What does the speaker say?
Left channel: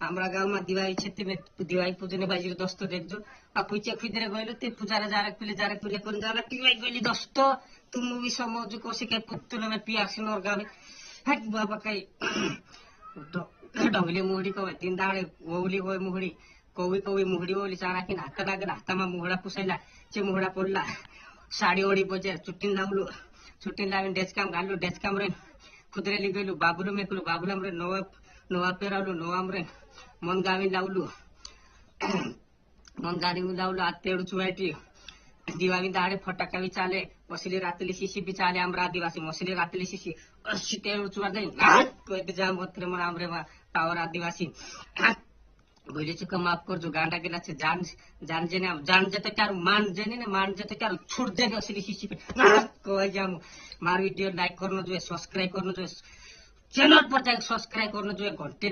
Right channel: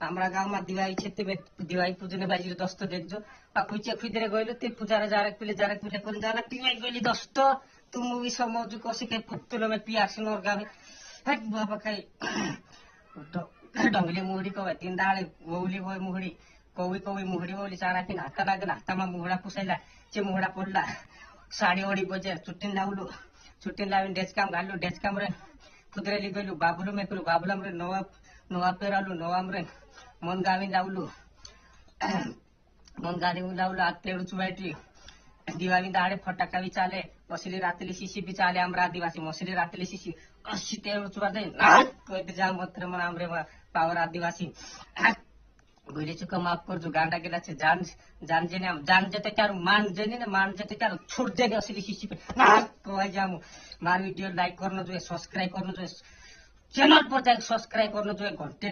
आमरा गावमा दिवाळी छते दिवाळी पूजने बाजी दोस्त देजो खुचे खुदरे गइलो ते पूजारे जारे पिले करून जाला दिवाळी गइली दोस्त तू मूवी समजू कशी काय पुत्तुल मे पियासी नोर गावे हट बाबा काय डोंगली मुहडी कवा तीन डाळे ओवली होय मुहडी कवी कवी मुहडी ओवली चारा की नाता लागे नातामा मुहडा पुसायला चे मुहडा पडला साडी ओढी बजे चुट्टीन लावलो चुट्टीन लावून डेचकाम घाललो डेचकाम रे खुदरेली गेलो बाबुलू मेकलो बाबुलाम रे नवा पेरालो नवाम रे मन गावी लावलो मन गाडी लावलो आज तेडू चुवायटी दिवाळी दाडे फटाका भी चाले मसली रातली शिशी भी चाले आमरा आदिवासी मसली रातली शिशी कशी तेडू चुवा दे कोई जाम होत्र मन आमरे पावर आदिवासी बोले चुका माफ कर जो गांडा गेला से जान जेते क्या मान जेने ना मान जेते क्या छोड़ दे असली शिशी कोई जाम मार वीडियो लाइक करनो जो सब्सक्राइब करनो जो चैनल पर सब्सक्राइब करनो जो घंटे